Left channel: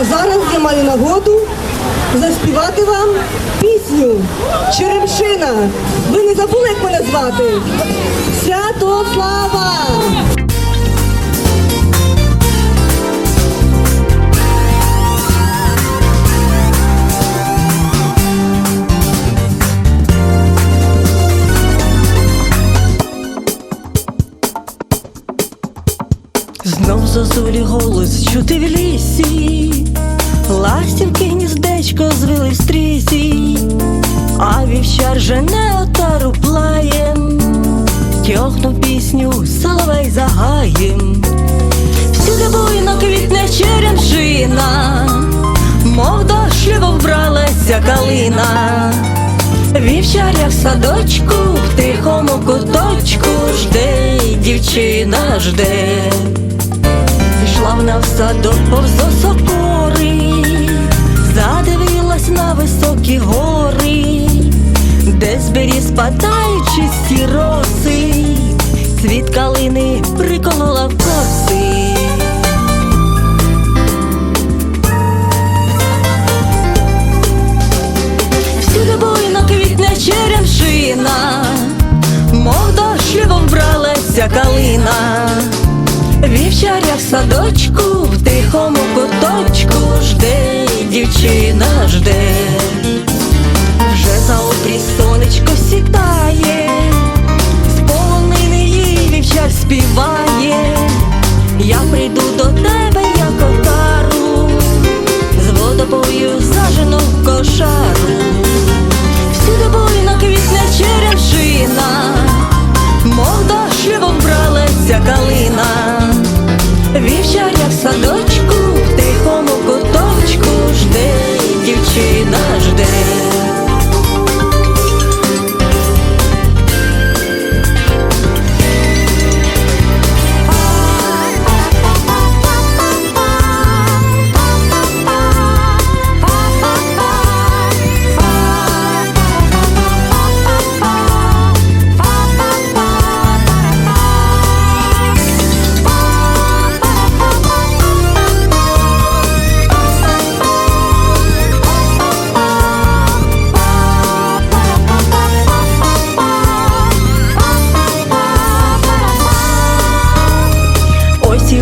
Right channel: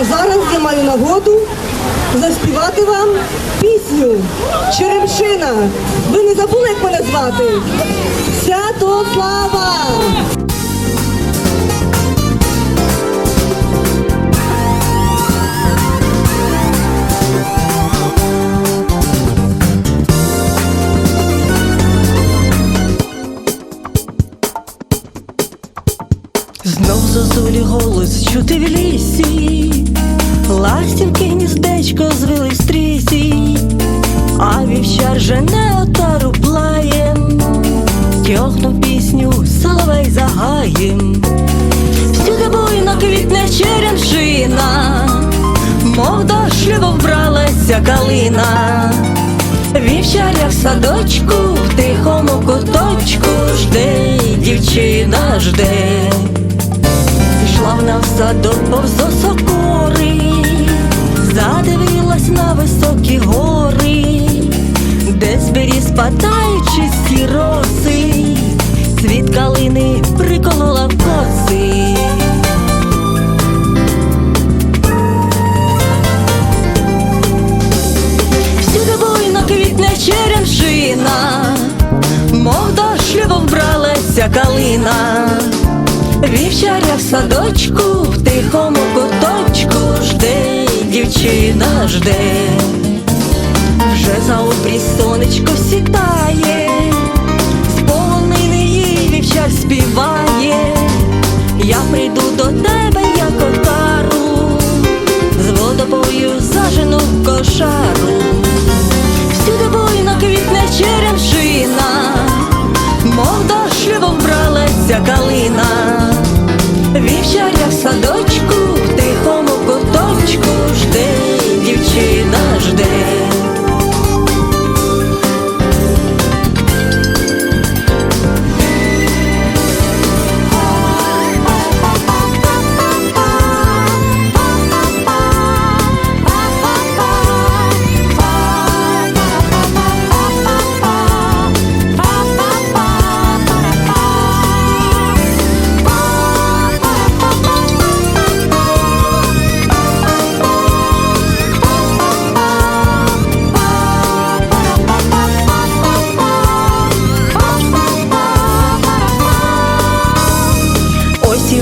А зараз я маю нагоду заспівати вам пісню Черемшина. Ви не забули, як мене звати? Святослава! Знов зозулі голос чути в лісі, ластівки гніздечко звели в стрісі, а вівчар жене отару плаєм, тьохнув пісню соловей загаєм. Всюди буйно квітне черемшина, мов до шлюбу вбралася калина. Вівчаря в садочку, в тихому куточку жде, дівчина жде. Пішла вона в садок повз осокори, задивилась на високі гори, де з беріз спадають чисті роси, цвіт калини приколола в коси. Всюди буйно квітне черемшина, мов до шлюбу вбралася калина. Вівчаря в садочку, в тихому куточку жде, дівчина жде, вже за обрій сонечко сідає, з полонини їй вівчар співає, я прийду до тебе, як отару, з водопою зажену в кошару.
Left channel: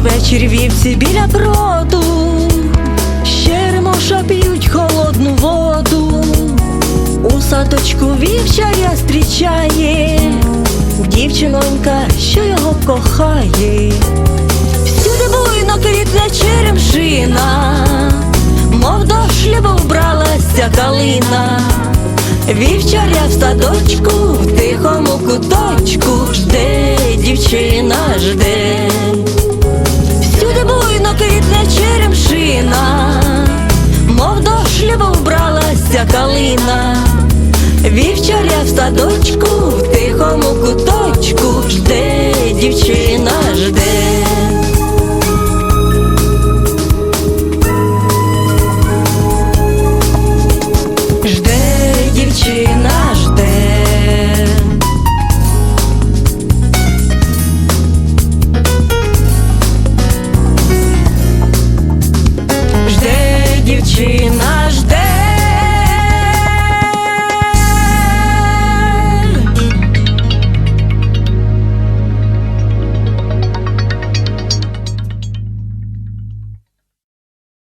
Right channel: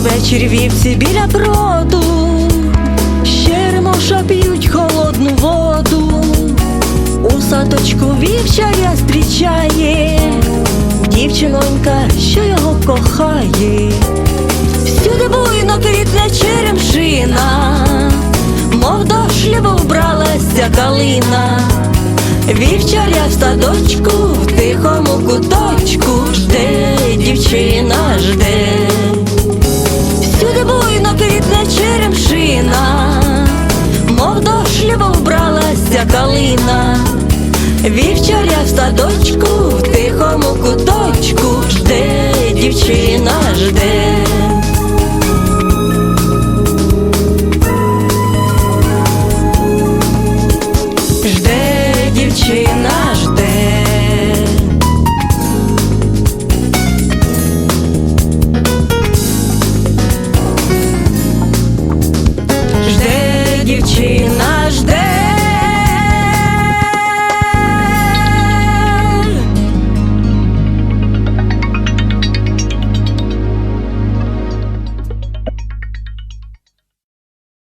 Вечір вівці біля броду, Щеремоша п'ють холодну воду, у садочку вівчаря зустрічає, дівчинонька, що його кохає, всюди буйно квітне черемшина, мов до шлюбу вбралася калина. Вівчаря в садочку, в тихому куточку. Жде, дівчина жде. Сміється калина, вівчаря в садочку, в тихому куточку жде, дівчина жде. Жде, дівчина жде. Жде, дівчина жде.